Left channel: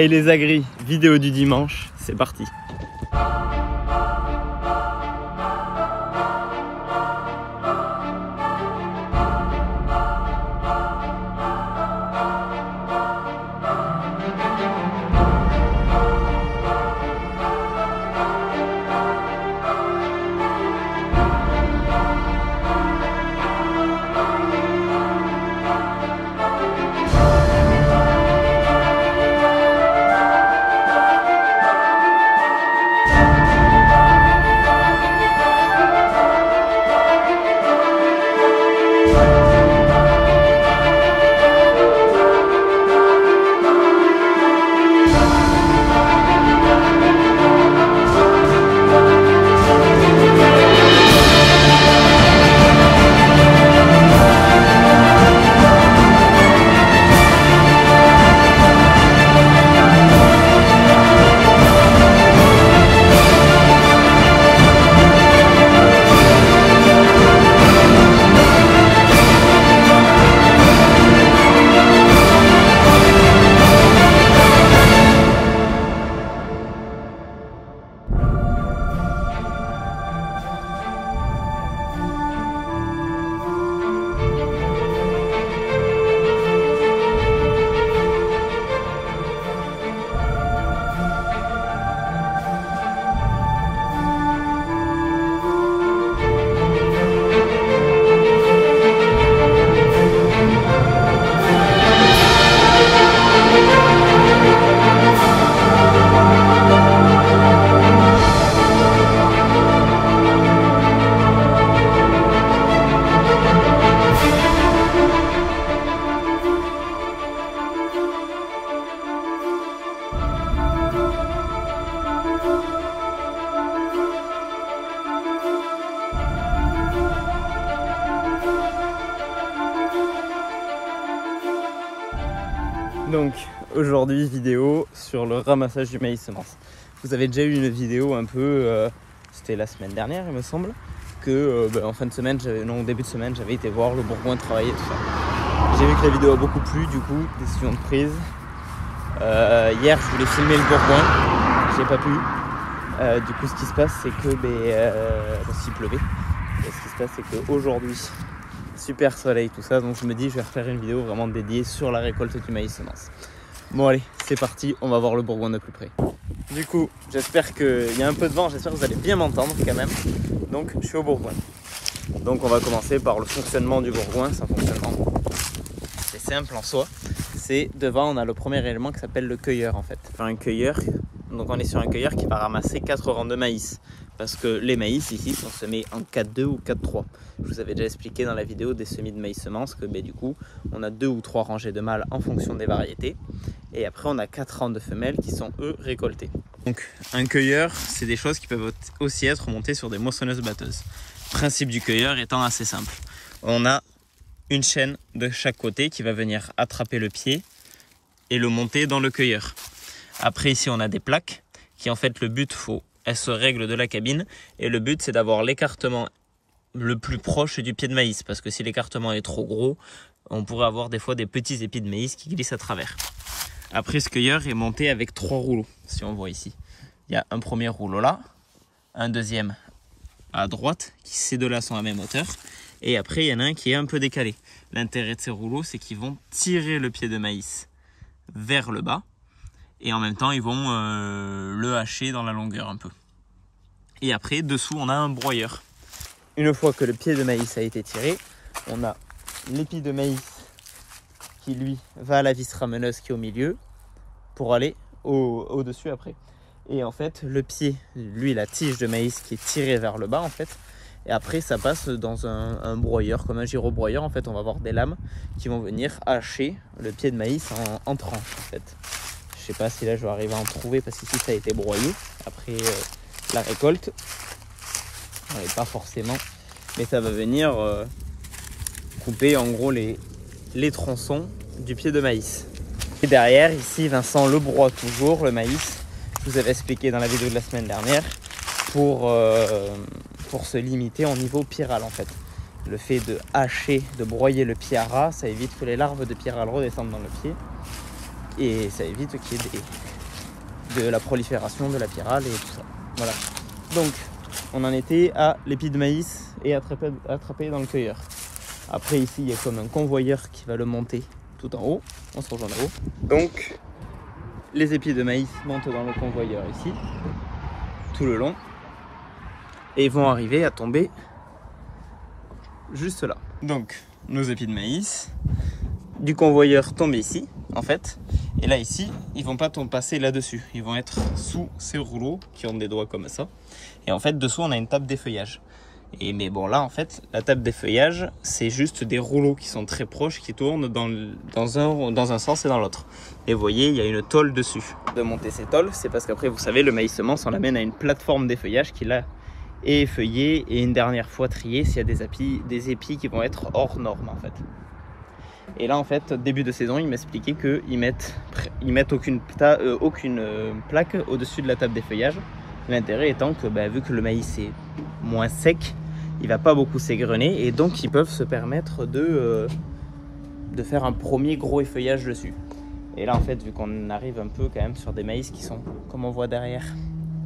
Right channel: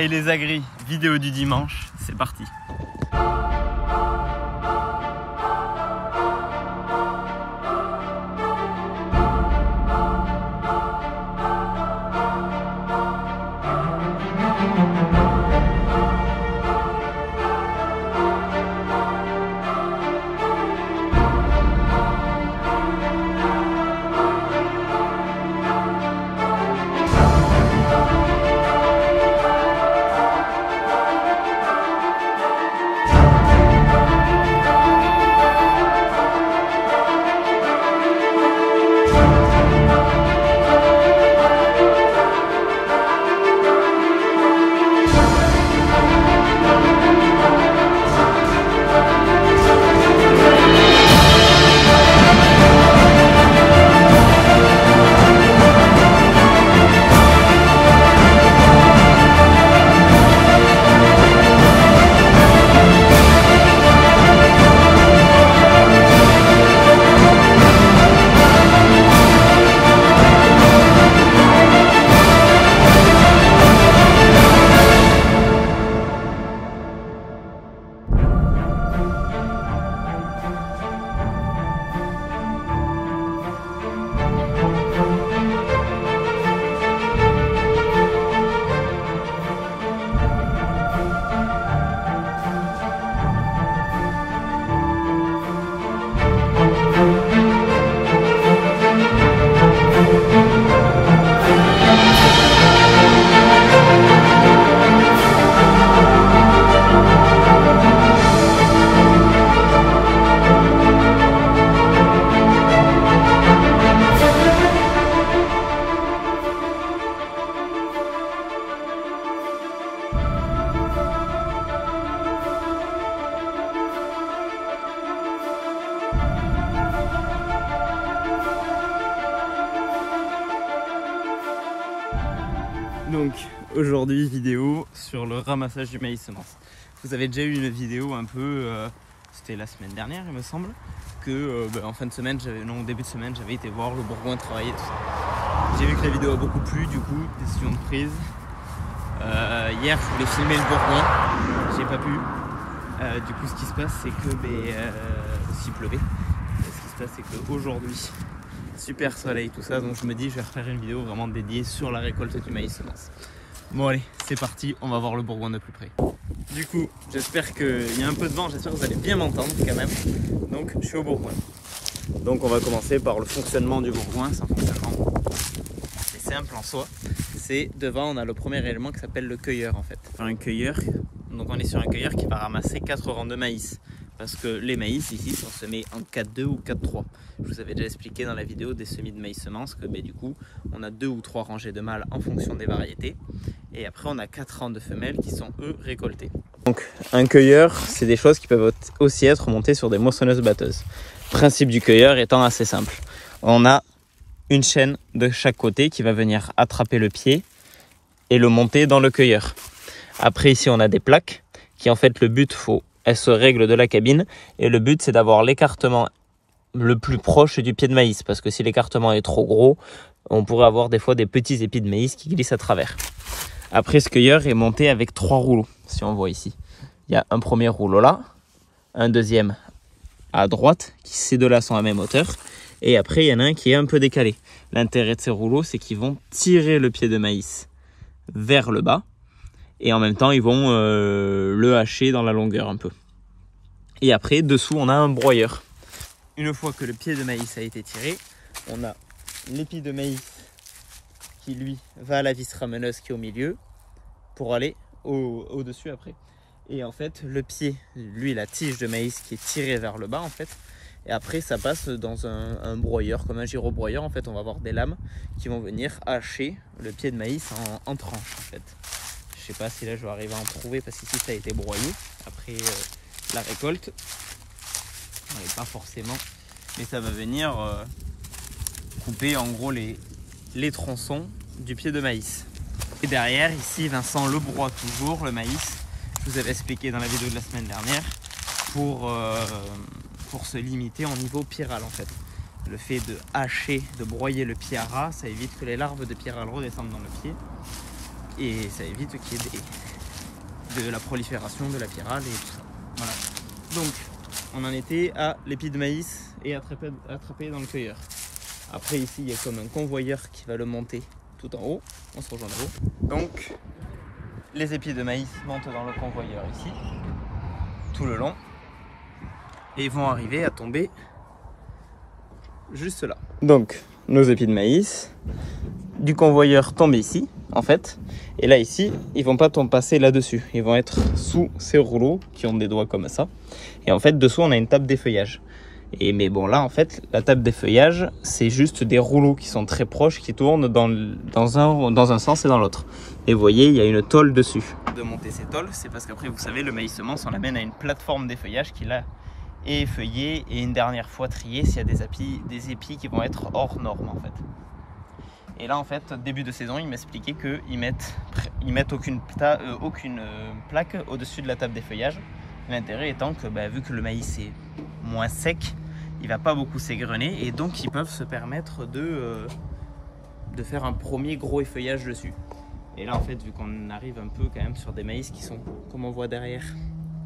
Hey les agris, vidéo du dimanche, c'est parti. Donc aujourd'hui vidéo sur le ramassage du maïs semence. Vous avez déjà eu une vidéo un peu, c'était la semaine dernière il me semble, que en fin de semaine, au début de semaine, j'avais été voir le Bourgoin travailler tout ça. J'ai vu que la vidéo a beaucoup plu, du coup décision de prise. Hier je voulais filmer le Bourgoin, j'ai pas pu. Du coup ce qui se passe c'est que s'il pleuvait, ce qui se passe c'est qu'aujourd'hui super soleil tout ça, donc je me dis je vais refaire une vidéo vraiment dédiée sur la récolte du maïs semence. Bon allez, c'est parti, on va voir le Bourgoin de plus près. Du coup, j'espère qu'il y a un peu de vent, j'espère que vous allez bien m'entendre quand même. Donc je suis au Bourgoin. Donc on va commencer par le fonctionnement du Bourgoin. C'est un fonctionnement assez simple en soi. C'est devant, on a le premier élément qui s'appelle le cueilleur en fait. Enfin, un cueilleur, donc on est sur un cueilleur qui va ramasser 4 rangs de maïs. Parce que les maïs ici sont semés en 4-2 ou 4-3. Je vous avais déjà expliqué dans la vidéo des semis de maïs semences que du coup on a 2 ou 3 rangées de mâles en fonction des variétés. Et après on a 4 rangs de femelles qui sont eux récoltés. Donc un cueilleur, c'est des choses qui peuvent aussi être montées sur des moissonneuses batteuses. Le principe du cueilleur étant assez simple. On a une chaîne de chaque côté qui va venir attraper le pied et le monter dans le cueilleur. Après ici on a des plaques qui en fait le but elles se règlent de la cabine et le but c'est d'avoir l'écartement le plus proche du pied de maïs parce que si l'écartement est trop gros, on pourrait avoir des fois des petits épis de maïs qui glissent à travers. Après ce cueilleur est monté avec 3 rouleaux, si on voit ici. Il y a un premier rouleau là, un deuxième à droite, qui ces deux-là sont à même hauteur, et après il y en a un qui est un peu décalé. L'intérêt de ces rouleaux c'est qu'ils vont tirer le pied de maïs vers le bas, et en même temps ils vont le hacher dans la longueur un peu. Et après dessous on a un broyeur. Une fois que le pied de maïs a été tiré, on a l'épi de maïs qui lui va à la vis rameuneuse qui est au milieu pour aller au-dessus après. Et en fait le pied, lui la tige de maïs qui est tirée vers le bas en fait. Et après ça passe dans un broyeur, comme un gyrobroyeur en fait. On va avoir des lames qui vont venir hacher le pied de maïs en tranches en fait. Je sais pas si là je vais arriver à en trouver parce qu'ici ça a été broyé après la récolte. Pas forcément, mais ça va venir couper en gros les tronçons du pied de maïs. Et derrière ici Vincent le broie toujours le maïs. Je vous avais expliqué dans la vidéo de la semaine dernière pour se limiter au niveau pyrale en fait. Le fait de hacher, de broyer le pied à ras, ça évite que les larves de pyrale redescendent dans le pied et ça évite qu'il y ait de la prolifération de la pyrale et tout ça. Voilà. Donc on en était à l'épi de maïs et attrapé dans le cueilleur. Après ici il y a comme un convoyeur qui va le monter tout en haut. On se rejoint en haut. Donc les épis de maïs montent dans le convoyeur ici, tout le long, et vont arriver à tomber juste là. Donc nos épis de maïs du convoyeur tombent ici en fait, et là ici ils vont pas passer là-dessus, ils vont être sous ces rouleaux qui ont des doigts comme ça, et en fait dessous on a une table d'effeuillage. Mais bon là en fait la table d'effeuillage c'est juste des rouleaux qui sont très proches, qui tournent dans un sens et dans l'autre, et vous voyez il y a une tôle dessus. De monter ces tôles, c'est parce qu'après vous savez le maïs semence on l'amène à une plateforme d'effeuillage qui là est effeuillée et une dernière fois triée s'il y a des épis qui vont être hors normes en fait. Et là en fait début de saison ils m'expliquaient qu'ils mettent aucune plaque au-dessus de la table d'effeuillage. L'intérêt étant que vu que le maïs est moins sec, il va pas beaucoup s'égrener et donc ils peuvent se permettre de faire un premier gros effeuillage dessus. Et là en fait vu qu'on arrive un peu quand même sur des maïs qui sont, comme on voit derrière,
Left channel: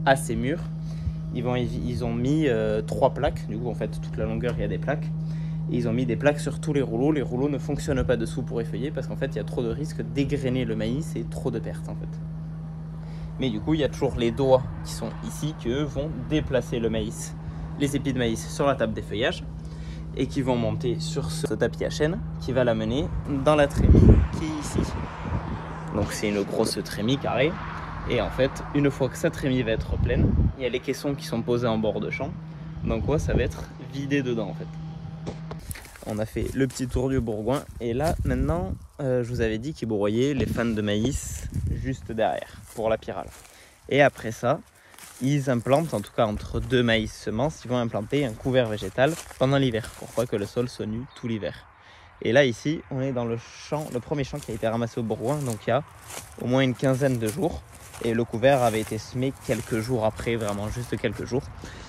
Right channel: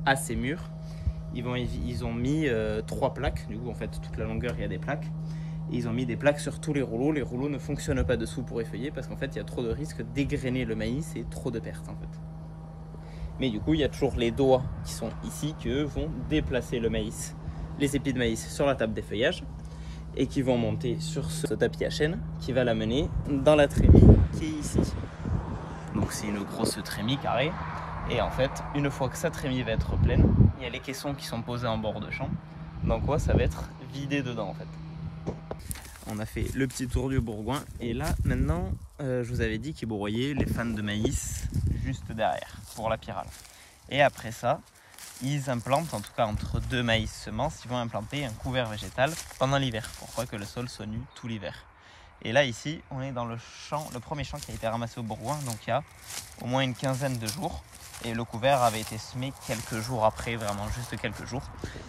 assez mûrs, ils ont mis 3 plaques, du coup en fait toute la longueur il y a des plaques. Et ils ont mis des plaques sur tous les rouleaux ne fonctionnent pas dessous pour effeuiller parce qu'en fait il y a trop de risques d'égrener le maïs et trop de pertes en fait. Mais du coup il y a toujours les doigts qui sont ici qui eux vont déplacer le maïs, les épis de maïs sur la table d'effeuillage et qui vont monter sur ce tapis à chaîne qui va l'amener dans la trémie qui est ici. Donc c'est une grosse trémie carrée et en fait une fois que sa trémie va être pleine, il y a les caissons qui sont posés en bord de champ, donc quoi ça va être vidé dedans en fait. On a fait le petit tour du bourgoin et là maintenant je vous avais dit qu'ils broyaient les fans de maïs juste derrière pour la pyrale. Et après ça ils implantent, en tout cas entre 2 maïs semences, ils vont implanter un couvert végétal pendant l'hiver pour pas que le sol soit nu tout l'hiver. Et là ici on est dans le premier champ qui a été ramassé au bourgoin, donc il y a au moins une quinzaine de jours et le couvert avait été semé quelques jours après, vraiment juste quelques jours.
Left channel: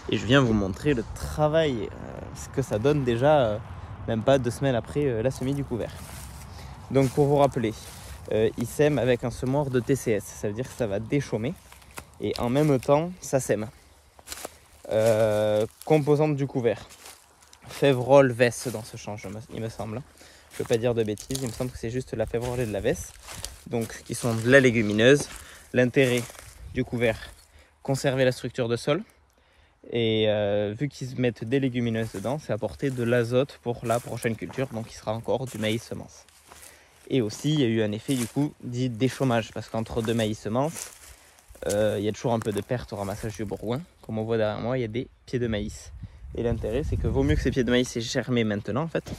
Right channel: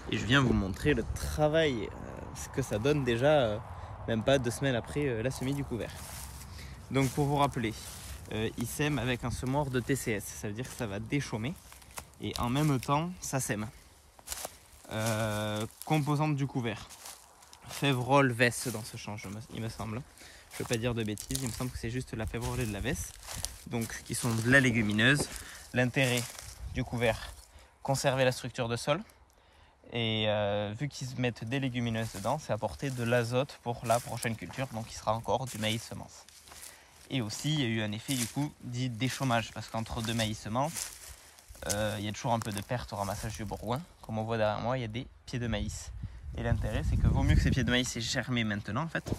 Et je viens vous montrer le travail, ce que ça donne déjà même pas 2 semaines après la semis du couvert. Donc pour vous rappeler, ils sèment avec un semoir de TCS, ça veut dire que ça va déchaumer et en même temps ça sème. Composantes du couvert, févrole, vesse dans ce champ il me semble. Je ne veux pas dire de bêtises, il me semble que c'est juste la févrole et de la vesse, donc qui sont de la légumineuse. L'intérêt du couvert, conserver la structure de sol. Et vu qu'ils mettent des légumineuses dedans, c'est apporter de l'azote pour la prochaine culture, donc il sera encore du maïs semence. Et aussi il y a eu un effet du coup dit déchômage, parce qu'entre 2 maïs semences, il y a toujours un peu de perte au ramassage du bourgoin. Comme on voit derrière moi, il y a des pieds de maïs. Et l'intérêt c'est que vaut mieux que ces pieds de maïs aient germé maintenant en fait,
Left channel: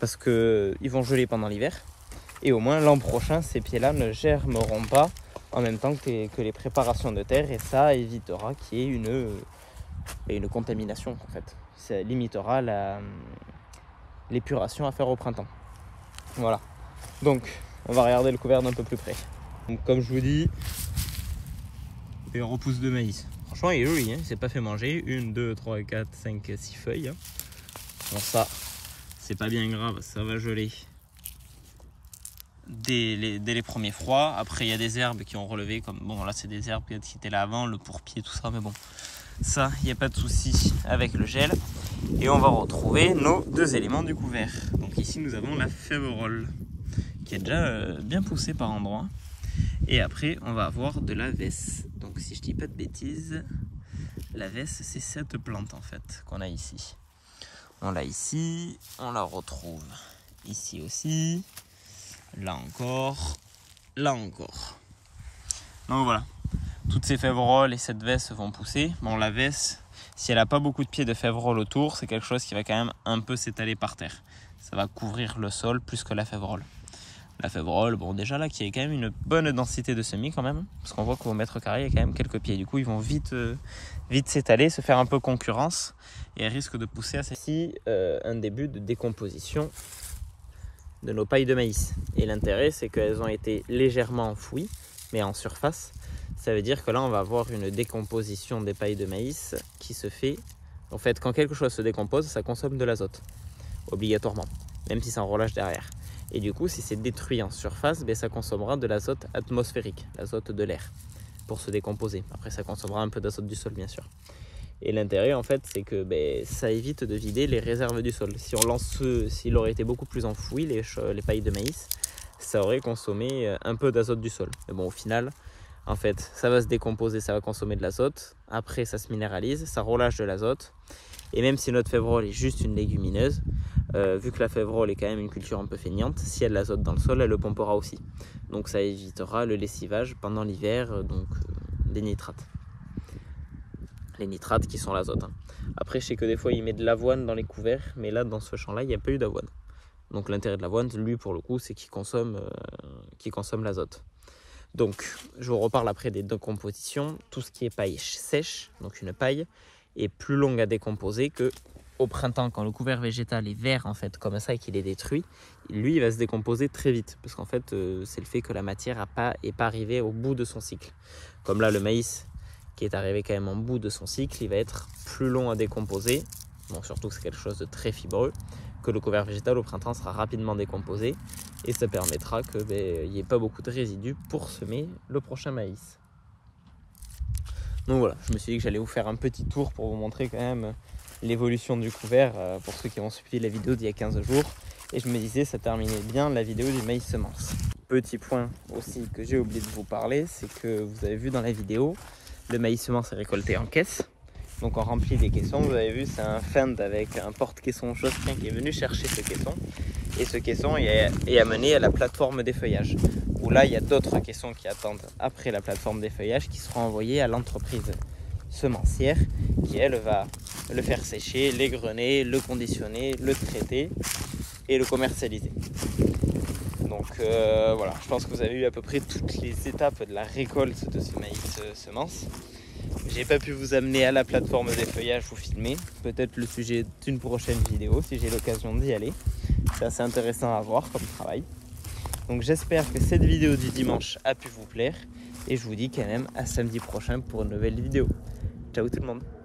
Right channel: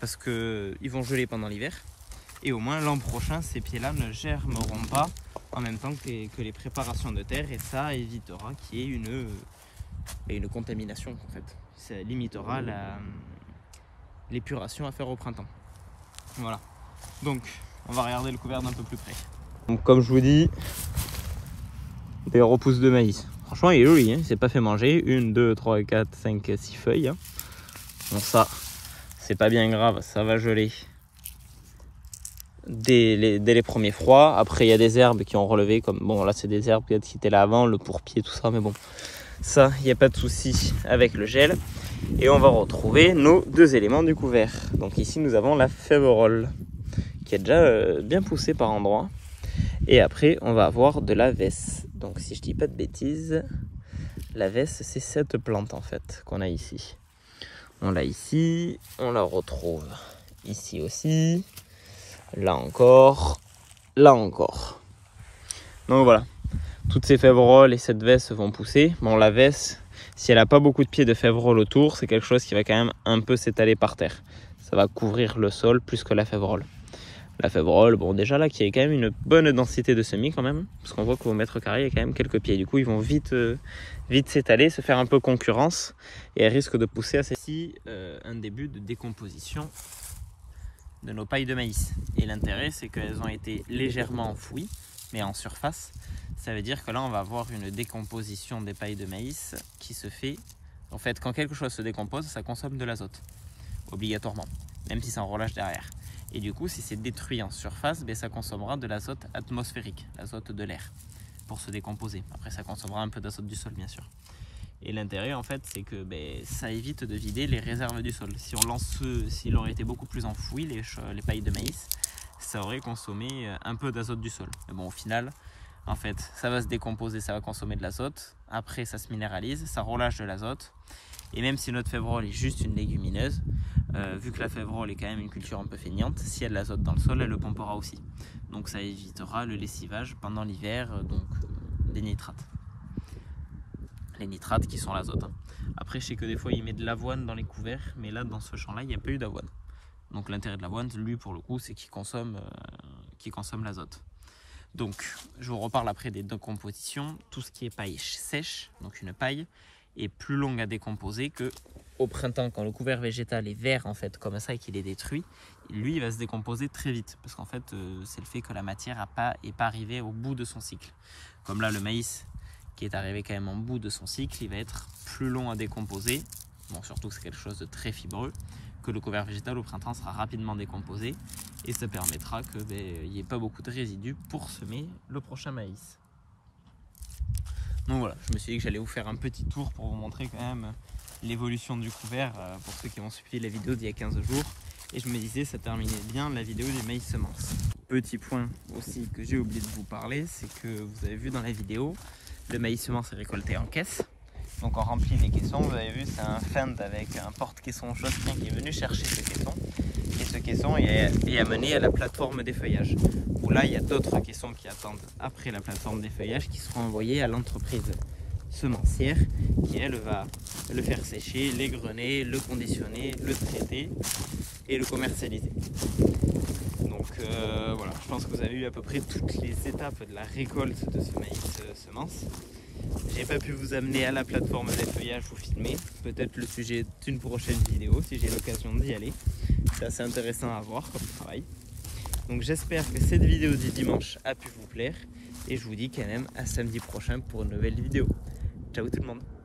parce qu'ils vont geler pendant l'hiver. Et au moins l'an prochain ces pieds là ne germeront pas en même temps que les préparations de terre, et ça évitera qu'il y ait une contamination en fait. Ça limitera l'épuration à faire au printemps. Voilà. Donc on va regarder le couvert d'un peu plus près. Donc comme je vous dis, des repousses de maïs. Franchement il est joli, hein, il s'est pas fait manger. 1, 2, 3, 4, 5, 6 feuilles. Hein. Bon ça, c'est pas bien grave, ça va geler dès les premiers froids. Après il y a des herbes qui ont relevé, comme bon là c'est des herbes qui étaient là avant, le pourpier, tout ça, mais bon. Ça, il n'y a pas de souci avec le gel. Et on va retrouver nos 2 éléments du couvert. Donc ici, nous avons la févrole qui est déjà bien poussée par endroits. Et après, on va avoir de la vesse. Donc si je dis pas de bêtises, la vesse, c'est cette plante en fait qu'on a ici. On l'a ici, on la retrouve ici aussi, là encore, là encore. Donc voilà. Toutes ces févroles et cette vesse vont pousser. Bon, la vesse, si elle n'a pas beaucoup de pieds de févrole autour, c'est quelque chose qui va quand même un peu s'étaler par terre. Ça va couvrir le sol plus que la févrole. La févrole, bon déjà là, qui a quand même une bonne densité de semis quand même, parce qu'on voit qu'au mètre carré, il y a quand même quelques pieds. Du coup, ils vont vite s'étaler, se faire un peu concurrence, et elles risquent de pousser à ceci un début de décomposition de nos pailles de maïs. Et l'intérêt, c'est qu'elles ont été légèrement enfouies, mais en surface. Ça veut dire que là, on va avoir une décomposition des pailles de maïs qui se fait... En fait, quand quelque chose se décompose, ça consomme de l'azote, obligatoirement, même si c'est en relâche derrière. Et du coup, si c'est détruit en surface, ben, ça consommera de l'azote atmosphérique, l'azote de l'air, pour se décomposer. Après, ça consommera un peu d'azote du sol, bien sûr. Et l'intérêt, en fait, c'est que ben, ça évite de vider les réserves du sol. Si on lance s'il aurait été beaucoup plus enfoui, les pailles de maïs, ça aurait consommé un peu d'azote du sol. Mais bon, au final, en fait, ça va se décomposer, ça va consommer de l'azote. Après, ça se minéralise, ça relâche de l'azote. Et même si notre févrole est juste une légumineuse, vu que la févrole est quand même une culture un peu feignante, si elle a de l'azote dans le sol, elle le pompera aussi. Donc ça évitera le lessivage pendant l'hiver, des nitrates. Les nitrates qui sont l'azote. Hein. Après, je sais que des fois, il met de l'avoine dans les couverts, mais là, dans ce champ-là, il n'y a pas eu d'avoine. Donc l'intérêt de l'avoine, lui, pour le coup, c'est qu'il consomme l'azote. Donc, je vous reparle après des décompositions. Tout ce qui est paille sèche, donc une paille, est plus longue à décomposer que au printemps, quand le couvert végétal est vert en fait comme ça et qu'il est détruit, lui il va se décomposer très vite parce qu'en fait c'est le fait que la matière n'est pas arrivée au bout de son cycle. Comme là le maïs qui est arrivé quand même en bout de son cycle, il va être plus long à décomposer, bon, surtout que c'est quelque chose de très fibreux, que le couvert végétal au printemps sera rapidement décomposé et ça permettra qu'il n'y ait pas beaucoup de résidus pour semer le prochain maïs. Donc voilà, je me suis dit que j'allais vous faire un petit tour pour vous montrer quand même l'évolution du couvert pour ceux qui ont suivi la vidéo d'il y a 15 jours. Et je me disais, ça terminait bien la vidéo du maïs semence. Petit point aussi que j'ai oublié de vous parler, c'est que vous avez vu dans la vidéo, le maïs semence est récolté en caisse. Donc on remplit des caissons, vous avez vu, c'est un fend avec un porte-caisson Jospin qui est venu chercher ce caisson. Et ce caisson est amené à la plateforme d'effeuillage. Où là, il y a d'autres caissons qui attendent après la plateforme d'effeuillage qui seront envoyés à l'entreprise semencière qui, elle, va le faire sécher, l'égrener, le conditionner, le traiter et le commercialiser. Donc voilà, je pense que vous avez eu à peu près toutes les étapes de la récolte de ce maïs semence. J'ai pas pu vous amener à la plateforme d'effeuillage pour filmer, peut-être le sujet d'une prochaine vidéo si j'ai l'occasion d'y aller. C'est assez intéressant à voir comme travail. Donc j'espère que cette vidéo du dimanche a pu vous plaire et je vous dis quand même à samedi prochain pour une nouvelle vidéo. Ciao tout le monde!